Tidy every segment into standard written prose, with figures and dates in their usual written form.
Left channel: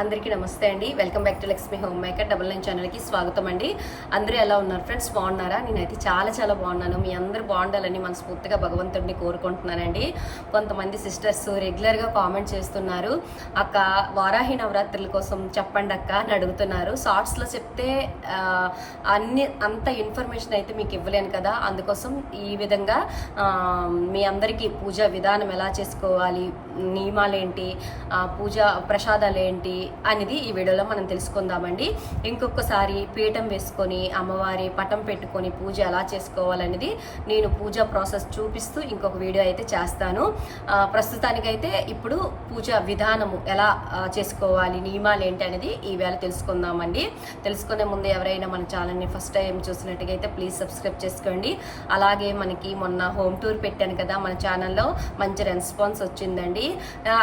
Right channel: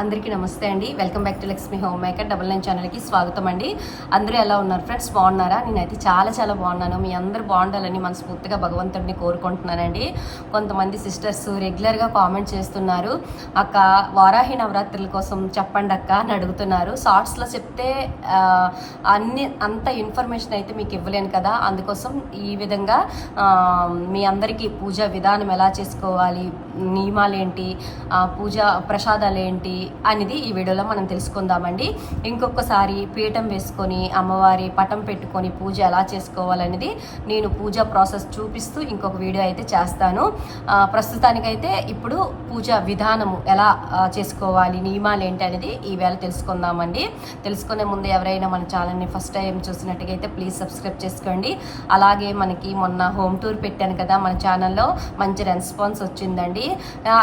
అందరికీ నమస్తే అండి. Welcome back to Lakshmi home maker 99 ఛానల్కి స్వాగతం అండి. అందరూ ఎలా ఉన్నారు ఫ్రెండ్స్? బాగున్నారా? నేనైతే చాలా బాగున్నాను. మీ అందరూ బాగుండాలని మనస్ఫూర్తిగా భగవంతుడిని కోరుకుంటున్నానండి. కొంతమంది సిస్టర్స్ రెగ్యులర్గా కామెంట్ చేస్తున్నారు, అక్క వారాహి నవరాత్రుల కోసం చెప్పండి అక్క అని అడుగుతున్నారు. షార్ట్స్లో చెప్తే అంత ఇన్ఫర్మేషన్ అయితే మీకు ఇవ్వలేను కదా, అందుకోసం ఈ విధంగా మీ అందరికీ పూజ విధానం ఎలా చేసుకోవాలి, నియమాలేంటి, పూజ ప్రసాదాలు ఏంటి అనేది ఈ వీడియోలో మనం తెలుసుకుందామండి. ఇంకొకసారి పీఠం వేసుకొని అమ్మవారి పటం పెట్టుకొని పూజ ఎలా చేసుకోవాలనేది నేను పూజా ప్రాసెస్ చూపిస్తూ ఇంకొక వీడియో అయితే చేస్తాను. ప్రస్తుతానికైతే ఇప్పుడు పూజ విధానము ఎలా చేసుకోవాలి, నియమాలు ఏంటి అనేది ఈ వేళ తెలుసుకుందామండి. తెలుసుకునే ముందు ఎవరైనా మన ఛానల్ని ఫస్ట్ టైం చూసినట్టుగా అయితే ప్లీజ్ సబ్స్క్రైబ్ చేసుకోండి. అలాగే మనకి మొన్న హోమ్ టూర్ పెట్టాను కదా మన ఛానల్లో, మంచి రెస్పాన్స్ వచ్చిందండి.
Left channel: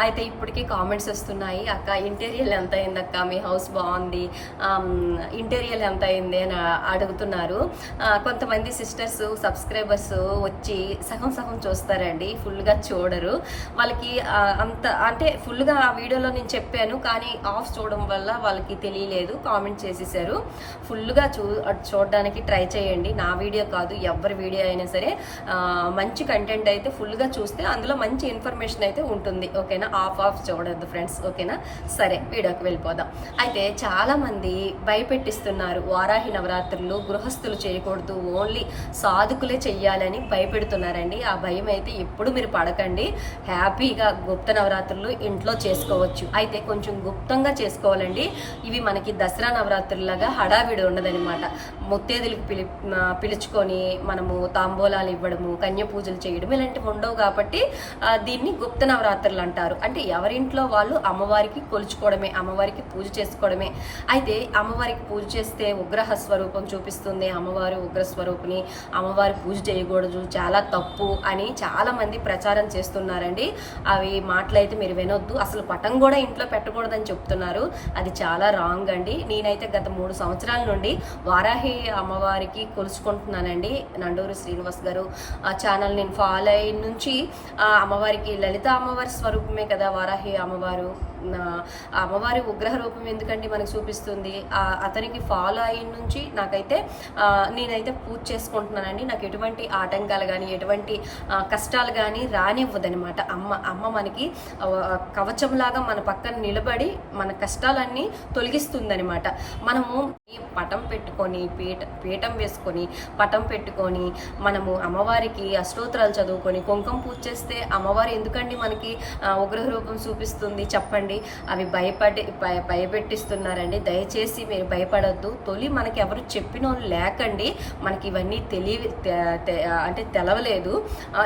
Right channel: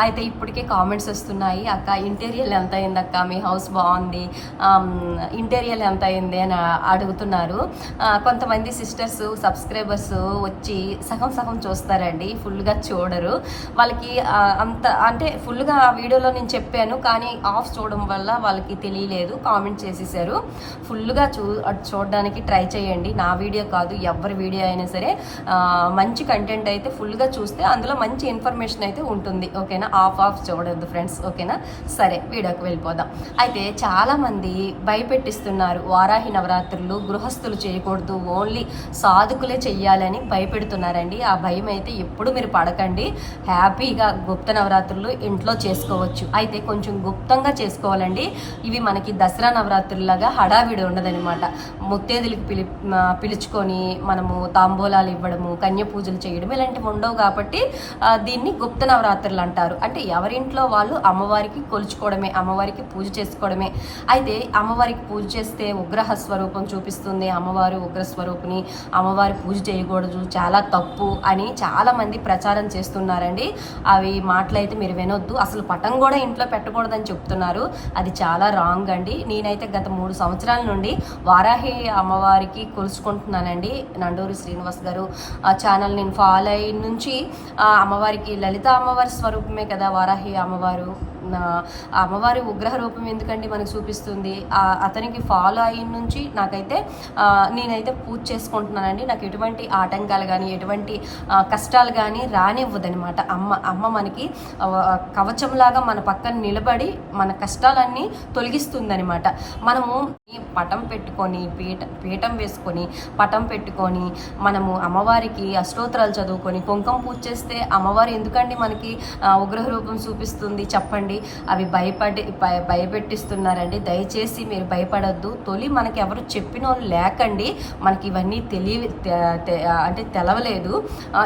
అయితే ఇప్పటికే కామెంట్స్ వస్తున్నాయి, అక్క ఇంటీరియర్ ఎంత అయింది అక్క, మీ హౌస్ బాగుంది, ఇంటీరియర్ ఎంత అయింది అని అడుగుతున్నారు. కొంతమంది సిస్టర్స్ సబ్స్క్రైబర్స్ వచ్చి సగం చూస్తారండి, ఫుల్గా చూడరు. వాళ్ళకి అంత అంటే ఫుల్గా ఆ వీడియోలో నేను చెప్పాను కానీ ఆఫ్ చూడడం వల్ల వాళ్ళకి తెలియలేదు, కామెంట్ చేసేసారు. ఫుల్గా చూడడానికి ట్రై చేయండి. నా వీడియో కాదు, ఎవరి వీడియో అయినా సరే మంచి కంటెంట్ అయితే ఫుల్గా చూస్తే అందులో మంచి ఇన్ఫర్మేషన్ అయితే ఉంటుంది, ఓకేనా? ఆఫ్ చూడొద్దు ఫ్రెండ్స్, ఓకేనా? సరే వీడియోకి వెళ్ళిపోదాం. అయితే చాలామంది భయపెట్టిస్తున్నారు, వారాహి నవరాత్రులు గృహస్థులు చేయకూడదు, ఓన్లీ సాధుకులే చెయ్యాలని భయపెడుతున్నారండి. ఆ భయం అయితే ఎప్పుడు మీరు పడకండి. హ్యాపీగా గుప్త నవరాత్రులు ఇంట్లో చేసుకోవచ్చు. అయితే కొంచెం గుప్తంగా చేసుకోవాలండి. ఇవి మనకి దసరా నవరాత్రులాగా హడావిడి ఉండదనమాట. ముత్తేదులకు పిలుచుకొని మనము తాంబూలాలు ఇవ్వడము, కన్య పూజలు చేయడం ఇలాంటివి ఉండవు కాబట్టి దీన్ని గుప్త నవరాత్రులు అంటారు. అంటే ఎవరింట్లో వాళ్ళు అమ్మవారికి కొలుచుకోవడమే, అమ్మవారికి పూజ చేసుకోవడమే. అయితే అమ్మవారికి పూజ చేస్తే ఉగ్రహ స్వరూపం చూపిస్తుంది, అమ్మవారు ఉగ్ర స్వరూపిణి, అమ్మవారి పూజ చేయకూడదు, చాలా తప్పు అని చాలా మంది ప్రచారం చేస్తున్నారండి. అవి మాటలైతే మీరు వినొద్దు. అసలు పటం కూడా ఇంట్లో పెట్టకూడదని చెప్తున్నారు, అది చాలా రాంగ్ అండి. నేనైతే గత 3 సంవత్సరాల నుండి వారాహి అమ్మవారికి కొలుచుకుంటున్నానండి. నండూరి శ్రీనివాస్ గారు ఛానల్ నేను ఫాలో అయిన నుంచి అమ్మవారికి లలిత అమ్మవారి స్వరూపమే కదా వారాహి అమ్మవారు. అమ్మవారి ఉగ్రహ రూపం ఎందుకండి మనకు చూపిస్తుంది. అతనికి ఫాలో అయిన నుంచి నేనైతే పూజ చేసుకుంటున్నానండి. నాకు ఎటువంటి ఆటంకాలు కానీ ఎటువంటి కష్టాలు కానీ రానివ్వదనమాట. అమ్మ మనకి కవచంలాగా మన పక్కన నిలబడి మన కష్టాలన్నీ తొలగిస్తుందనమాట. మనము పటం పెట్టుకొని పీఠం వేసుకొని పటం పెట్టుకొని మనము అమ్మవారికి అష్టోత్తరాలు చదువుకొని కుంకుమ పూజ చేస్తే అమ్మవారు ఎందుకండి మనకి ఉగ్రహ రూపం చూపిస్తుంది చెప్పండి? అవి భయపెట్టిస్తున్నారండి. దయచేసి మీరు భయపడొద్దు. తొలి మనకి ఎవరు చెప్పిన వాళ్ళు లేకండి, మనకి ఇవన్నీ తెలవలేదు.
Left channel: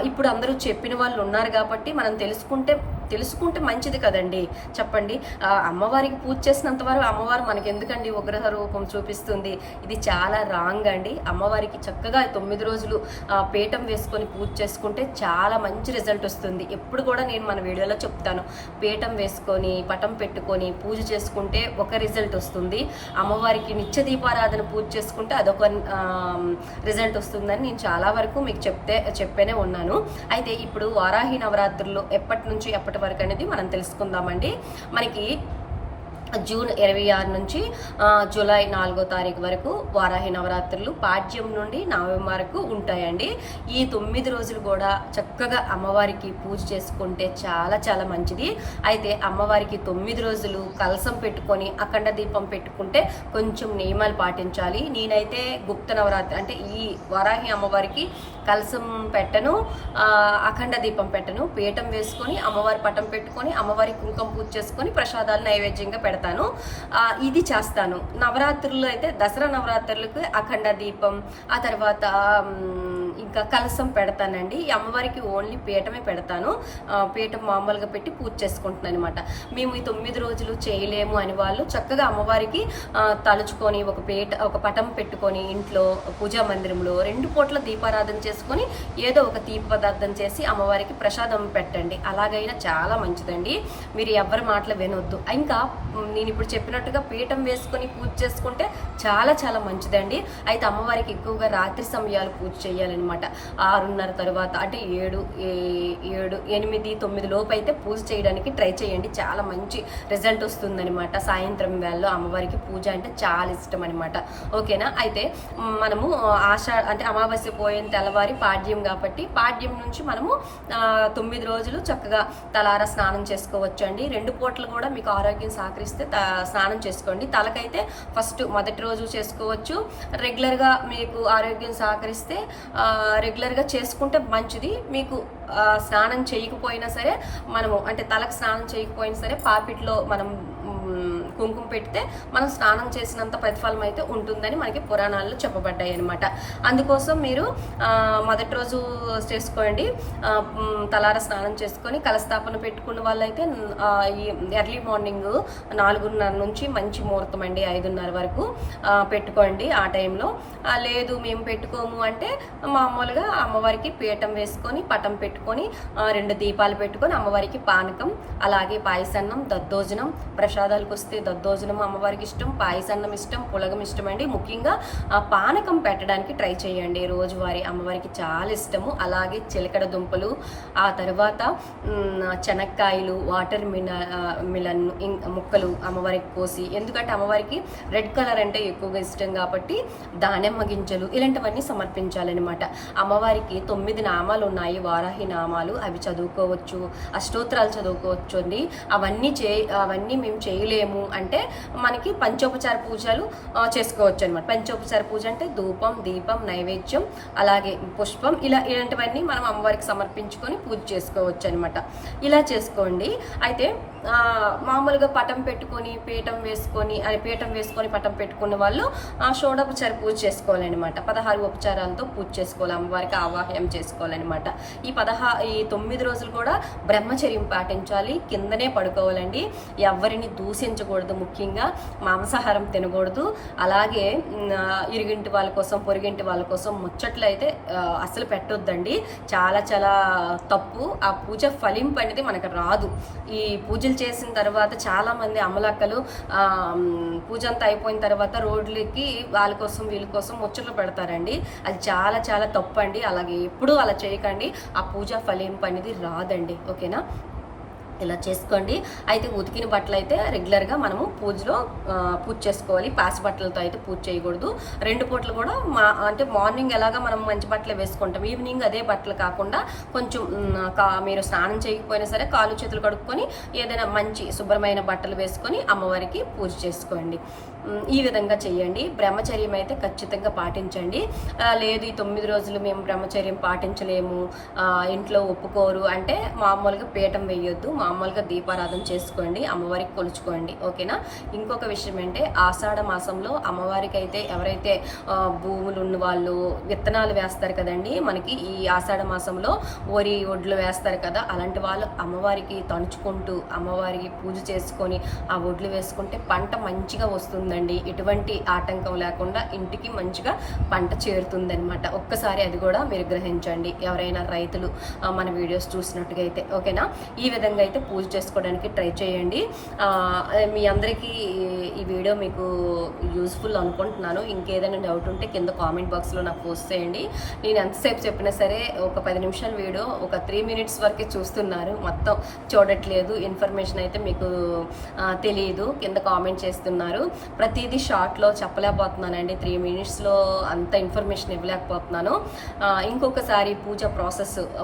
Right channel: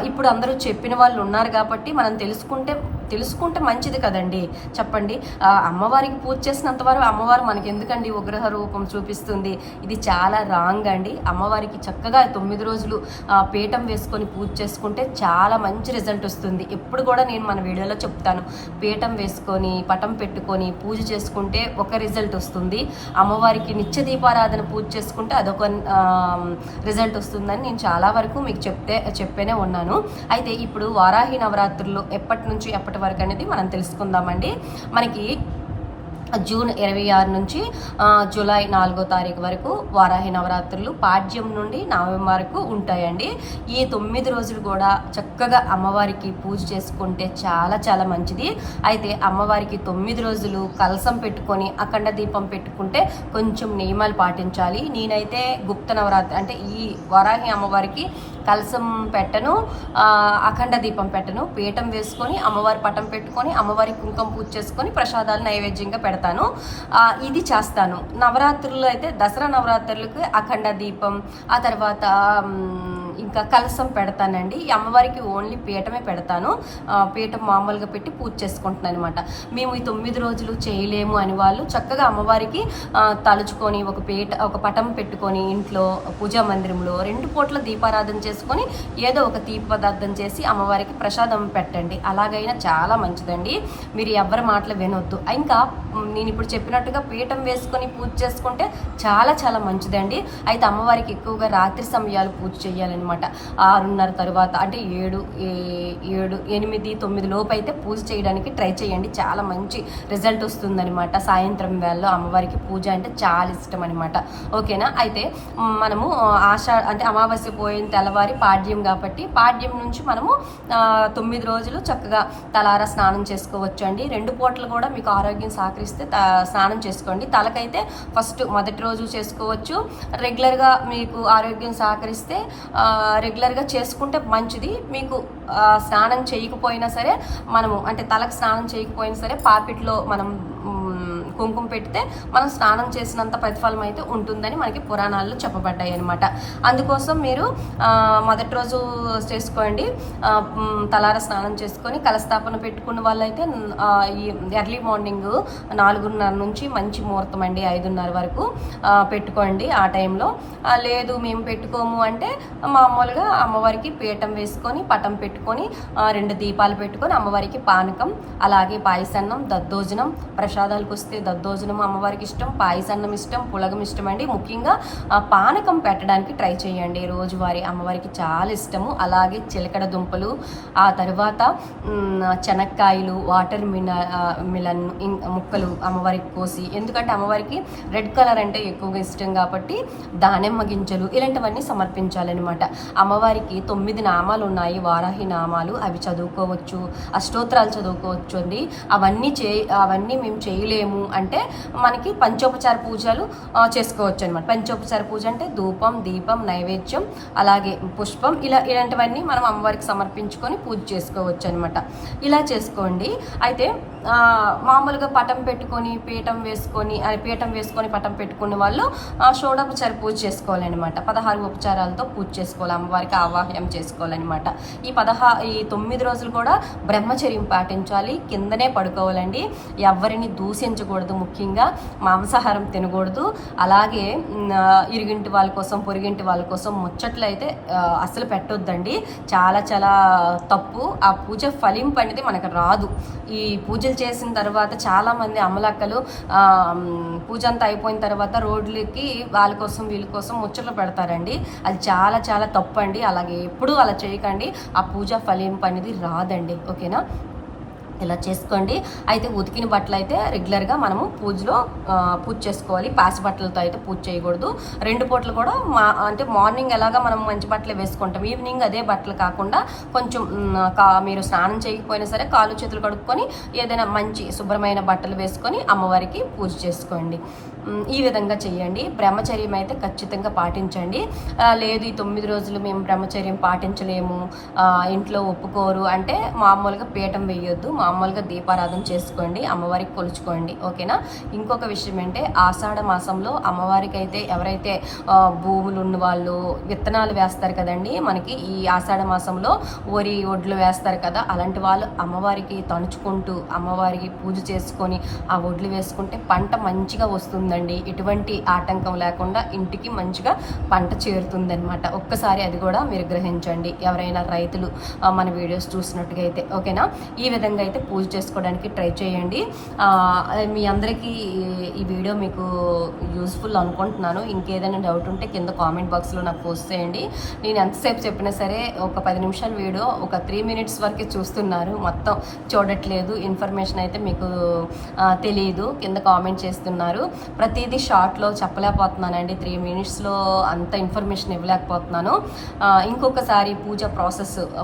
ఇప్పుడు అందరూ చెప్పిన వాళ్ళు ఉన్నారు కాబట్టి మనం తెలుసుకుంటే మంచిది కదండి, చెప్పండి? అమ్మవారికి పూజ చేసినంత వరకు అమ్మవారు మనకి ఎందుకండి ఉగ్రహ రూపం చూపిస్తుంది? ఇది చాలా రాంగ్ అండి. అమ్మవారికి చక్కగా 9 రోజులు పీఠం వేసుకొని పూజ చేసుకుంటే చాలా మంచి రిజల్ట్ వస్తుంది. ఎప్పుడు కూడా నేను మన వీడియోలో చెప్తాను, పీఠం వేసుకొని పటం పెట్టుకొని పూజ చేసుకుంటే ఒక రిజల్ట్ వస్తుంది, అమ్మవారికి నిత్య దీపారాధన పూజ చేసుకుంటే అదొక రిజల్ట్ వస్తుందని నేను చాలా వరకు మీకు చెప్పేనే ఉన్నాను. అయితే ఇప్పుడు వారాహి నవరాత్రులు ఎప్పటి నుంచి ఎప్పటి వరకు అనేది మనం తెలుసుకుందామండి. మనకి జూన్ 26 నుంచి జూలై 4వ తారీఖు వరకు వారాహి నవరాత్రులు పాడ్యం నుండి నవమి వరకు ఉంటాయండి. ఈ 9 రోజులు కూడా చక్కగా అమ్మవారికి పూజ చేసుకుంటే చాలా మంచిది. అయితే అమ్మవారికి 9 రోజులు కలసం పెట్టుకొని అఖండ దీపం పెట్టుకుంటే కొంచెం నియమాలు పాటించాలి. నేనైతే గుప్త నవరాత్రి అంటే ఈ వారాహి అమ్మవారికి కలసం పెట్టను, అఖండ దీపం పెట్టను, పీఠం వేసుకొని అమ్మవారి పటం పెట్టుకొని అమ్మవారి కుంకుమ పూజ చేసుకొని ప్రసాదాలు నైవేద్యంగా పెడతాను. ఇది చేస్తాను. నవరాత్రులు అయితే దసరా నవరాత్రులకు అఖండ దీపం, ఆ తర్వాత ఇంకా కలసం పెడతానండి. ఈ అమ్మవారికి ఓన్లీ పీఠమే పెడతాను. పీఠం మామూలుగా పెట్టి పూజ చేసుకుంటున్నాను అనమాట. మేము ఈ 9 రోజులు చేయలేము అని వాళ్ళు చక్కగా అమ్మవారికి తలుచుకొని ఒక పటం పెట్టుకొని ఇంట్లో పూజా మందిరంలో 2 పూట్ల దీపారాధన చేసుకొని చేసుకొని ఏదో ఒక తీపి పదార్థం చేసి అమ్మవారికి ప్రసాదం పెట్టండి. అలాగైనా చాలా మంచిదండి. మీరు ఎవరి మాటలు వినొద్దు. ఇంకా నేను ఇప్పుడు చెప్పినట్టుగా పీఠం వేసుకొని పూజ చేసుకుంటే చాలా చాలా మంచిదండి. అయితే అమ్మవారికి ఎక్కువగా రాత్రి సమయాలు పూజ చేయాలన్నమాట. 6:30 తర్వాత అంటే 7, 8, 9 లోపు అయితే పూజ చేయడానికి ట్రై చేయండి. చాలా మంచి రిజల్ట్ వస్తుందన్నమాట. సాయంత్రం వేళలో అమ్మవారికి పూజ అంటే చాలా ఇష్టం అనమాట. ఓకేనా. అయితే మనము అంటే అమావాస్య పోయిన తెల్లవారి పాడ్యం కాబట్టి పాడ్యం నుంచి మనము 9 రోజులు చక్కగా తలారా స్నానం చేసుకోవచ్చు అండి. 2 పూటలు కూడా మీకు ఆరోగ్యం సహకరిస్తే స్నానం చేసుకోండి. తలకైతే ఫస్ట్ మొదటి రోజు చేసుకోవచ్చు. రెగ్యులర్గా మీకు ఆరోగ్యం సహకరిస్తే రెగ్యులర్గా చేసుకుంటే మంచిది. మీకు స్నానం చేయకపోయినా సరే మనము అంటే తలకు స్నానం చేయకపోయినా సరే పాపిట్లో మనం కుంకుమ పెడితే మనం స్నానం చేసినంత ప్రతిఫలం అయితే ఉంటుందని మనకి పురాణాల్లో చెప్పబడ్డాయి అనమాట. అందుకోసం మీరు మొదటి రోజు చేసుకోండి. తలార స్నానం చేసుకొని కలస్థాపన పెట్టుకున్న వాళ్ళైతే ఈ ఎర్లీ మార్నింగ్ 4:30 నుంచి మంచి ముహూర్తం అండి 5:30 వరకు పెట్టుకోండి. ఆ టైంలో లేదు మేము పెట్టుకోము అంటే మామూలుగా అమ్మవారికి పీఠం వేసుకొని పటం పెట్టుకొని 2 దీపాలు పెట్టుకొని అమ్మవారికి పానకం అలాగే పాయసన్నం దద్దోజనం ప్రసాదాలకు వస్తే దద్దోజనం అమ్మవారికి ఇష్టం, పాయసన్నం ఇష్టం, పులగం ఇష్టం అండి. ముఖ్యంగా పానకం పెట్టడానికి ట్రై చేయండి. రోజువారీ అమ్మవారికి చాలా ఇష్టము. అలాగే చిలకడ దుంపలు, ఆ తర్వాత చెనక్కాయలు, వాటర్ మిలన్ ముక్కలు అమ్మవారికి కోసి, ఎందుకంటే అమ్మవారికి రెడ్ కలర్ అంటే ఎక్కువగా ఇష్టం కాబట్టి దానిమ్మ గింజలు ఇలాంటివన్నీ సమర్పించాలన్నమాట. అమ్మవారికి 9 నామాలు ఉన్నాయి, వారాహి నామాలు. అవి చదువుకోవచ్చు, అష్టోత్తరాలు చదువుకోవచ్చు అండి. అవన్నీ మేము చేయలేము అంటే మనకి పంచోపచార పూజలు చేసుకోవచ్చు అనమాట. పంచోపచార పూజ అంటే ధూపం, దీపం, నైవేద్యం అలాగే పుష్పం ఇలాంటివన్నీ మనం అమ్మవారికి సమర్పించుకొని పూజ చేసుకోవచ్చు అనమాట. ఇలా చేసుకోండి. అయితే మామూలుగా పటం పెట్టుకొని పీఠం వేసుకొని పటం పెట్టుకున్న వాళ్ళు షోడోపచార పూజ చేసుకోవాలన్నమాట. 16 ఉపచారాలతో పూజ చేసుకోవాలి, అమ్మవారికి ఆవాహ్యం చేసుకోవాలన్నమాట. ఈ 9 రోజులు కూడా బ్రహ్మచర్యం పాటించాలి. కిందనే పడుకోవాలండి. ఎవరిని దూషించకూడదు, ముఖ్యంగా మాంసాహారం తినకూడదు. అలాగే ఇరుగింటి వాళ్ళ కోసం పొరుగింటి వాళ్ళ కోసం ముచ్చట్లు అయితే అసలు పెట్టొద్దండి. చాలా చాలా తప్పు. ఆ పూజ ఫలింపు అనేది మనకు రాదు. ఈ పూజలు చేసిన తర్వాత చాలామంది అమ్మలక్కలు పూజ అంతా అయిపోయిన తర్వాత రోడ్లకి వాళ్ళ కోసం వీళ్ళ కోసం ముచ్చట్లు పెడతారండి. అది చాలా చాలా తప్పు అండి. అలాగే ఎప్పుడూ అలా చేయకండి. ఆ పూజ ఫలింపు అనేది రాదండి. ఓకేనా. ఇలా చేసుకోండి. అయితే ఉతికిన బట్టలు అయితే రెగ్యులర్గా మనము పూజలో పూజ చేసుకోవాలి. పాసి బట్టలతో అయితే పూజ చేయకూడదు. 2 పూటలు కూడా అంటే మార్నింగ్ ఎలాగా మనం మంచి బట్టలు వేసుకుంటాం, ఈవినింగ్ అదే బట్టలు కాకుండా కొంచెం మీరు స్నానం చేయకపోయినా సరే కాళ్ళు చేతులు కడుక్కొని ఏదైనా మంచి శుభ్రమైన బట్టలు వేసుకొని అమ్మవారికి పూజ చేసుకోండి. ఈ విధంగా చేయండి. బ్రహ్మచర్యం అయితే ఖచ్చితంగా పాటించండి. లేదు ఈ 9 రోజులు మేము బ్రహ్మచర్యం పాటించలేము, ఇంట్లో ఒప్పుకోరు అంటే మామూలుగా పీఠం వేయొద్దు, మామూలుగా దీపారాధన చేసుకోండి, అమ్మవారికి కొలుచుకోండి. ఓకేనా. ఇంకొక విషయం ఏంటంటే ఆషాఢ మాసంలో అమ్మవారికి అయితే ఎవరైతే భూములు ఉన్న వాళ్ళు విత్తనాలు వేస్తారు కదండి, మనకి ఈ ఆషాఢ మాసంలో వరి ఒడ్లు వేస్తారు కదా, అలాంటి వాళ్ళు అమ్మవారికి తణుచుకుంటూ అమ్మవారికి పూజ చేసుకొని ఆ ఒడ్లు వేసుకుంటే పంట మంచిగా వస్తుందండి. ఎటువంటి ఆటంకం లేకుండా ఇంటికి మంచిగా పంట చేరుతుందనమాట. ఒక్కసారి అది కూడా మీరు గ్రహించండి, ఎవరైనా రైతులు మన వీడియోస్ చూసినట్టుగా అయితే. ఓకేనా. ఈ విధంగా అయితే పూజ చేసుకోవడానికి ట్రై చేయండి. మీ అందరికీ ఈ వీడియో మీకు యూజ్ఫుల్ అనుకుంటున్నాను. ఇంకేదైనా డౌట్ ఉంటే కింద కామెంట్ బాక్స్లో నాకు పోస్ట్ చేయండి. నేను ఎంతసేపు చెప్పినా సరే ఒక 10 నిమిషాల వీడియో ఒక 3 మినిట్స్ వరకే చూస్తున్నారు, మొత్తం చూడట్లేదు. ఇన్ఫర్మేషన్ అయితే మీకు తెలియదు, కింద కామెంట్ చేస్తున్నారు. ప్రతిదీ షార్ట్లో చెప్పలేకపోతున్నానండి. 3 మినిట్స్లో అంత ఇన్ఫర్మేషన్ ఇవ్వలేకపోతున్నాను. ఇంకొకసారి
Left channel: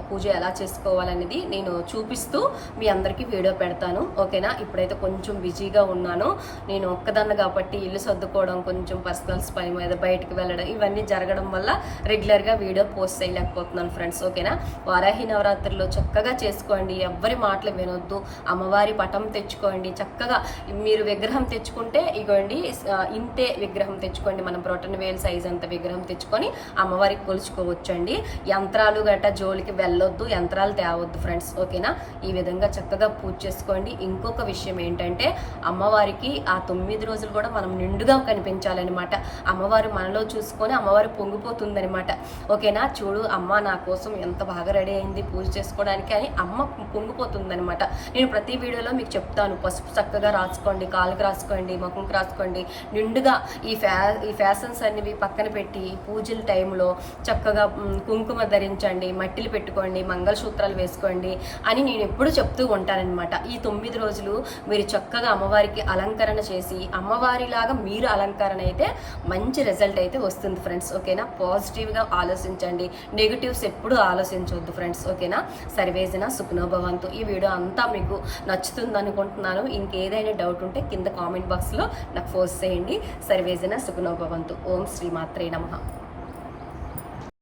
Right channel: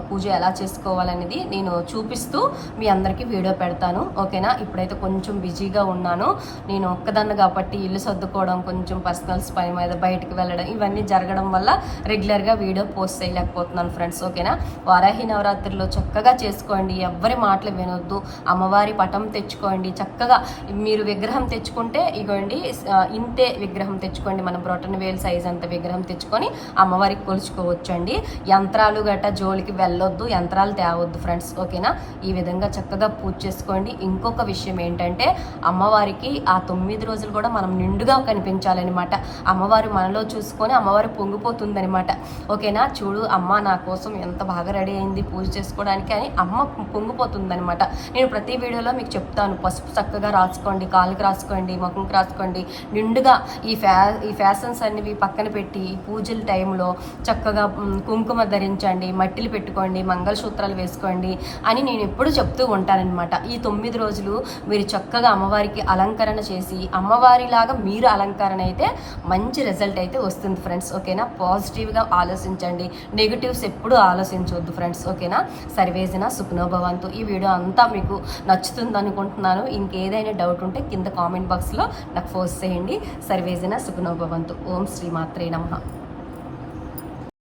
పూజ ఎలా చేసుకోవాలనేది నేను చూపిస్తూ మీ అందరికీ వీడియో పెడతాను. ఓకేనా. ఇప్పుడైతే కొంచెం బిజీగా ఉన్నాను. నేను ఒక్కదాన్ని కాబట్టి ఇల్లు సర్దుకోవడం, కొంచెం పర్సనల్స్ పని మీద బయటకు వెళ్ళడం ఇవన్నీ జరగడం వల్ల రెగ్యులర్గా వీడియో పోస్ట్ చేయలేకపోతున్నాను ఫ్రెండ్స్. ఓకేనా. వారాహి నవరాత్రిలో చక్కగా చేసుకోండి, ఎవ్వరి మాటలు వినొద్దు. అమ్మవారి పటం తెచ్చుకోండి. చక్కగా మీరు విగ్రహం తెచ్చుకుంటే ఇగోండి ఇంతే విగ్రహం తెచ్చుకోండి, మనం బ్రొటన్ వేలు సైజ్ అంత విగ్రహం తెచ్చుకొని అమ్మవారికి కొలుచుకోవచ్చు అండి. యంత్రాలు గట్రా జోలికి వెళ్ళొద్దు, యంత్రాలు తేవద్దు ఫ్రెండ్స్. ఓకేనా. ఈ విధంగా చక్కగా పూజ చేసుకోండి. ఇంకొక విషయం ఏంటంటే అమ్మవారికి ఆ 9 రోజులు కూడా మనం నిండుగా కనిపించాలన్నమాట. అమ్మవారు మనలో చూసుకొని అమ్మవారు పొంగిపోతుందనమాట. ఓకేనా? చూడు అమ్మ నా కోసం ఎంత బాగా రెడీ అయింది పూజ చేసుకోవడానికి అని అమ్మ పొంగిపోతుందనమాట. నేను ప్రతి వీడియోలో మీకు చెప్తాను, పసుపు చక్కగా రాసుకోండి, కాళ్ళకి రాసుకోండి, ముఖంకి రాసుకోండి. నిండుగా ఈ ఫ్యాషన్స్ అన్నివి పక్కన పెట్టి పూజల టైంలో చక్కగా కుంకుమ ధరించండి, మట్టిలు పెట్టుకోండి, మంగళసూత్రాలు వేసుకోండి అని నేను ఎప్పుడు చెప్తూ ఉంటానన్నమాట. ఈ 9 రోజులు మీరు చక్కగా అమ్మవారికి అలంకరణ చేసి అమ్మవారిలాగా మీరు అలంకరణ అయితే మంచి రిజల్ట్ అయితే వస్తుంది ఫ్రెండ్స్. ఓకేనా? పాజిటివ్గా ఆలోచించండి, నెగిటివ్స్ ఎప్పుడు ఆలోచించవద్దు ఫ్రెండ్స్. ఓకేనా? సర్వేజన సుఖనో భవంతు. ఈ వీడియో అంతా మీకు నచ్చుతుంది అనుకుంటున్నాను. ఇంకేదైనా డౌట్ ఉంటే కింద కామెంట్ బాక్స్లో నాకు పోస్ట్ చేయండి. సర్వేజన సుఖనో భవంతు. ఓం శ్రీ మాత్రే నమః.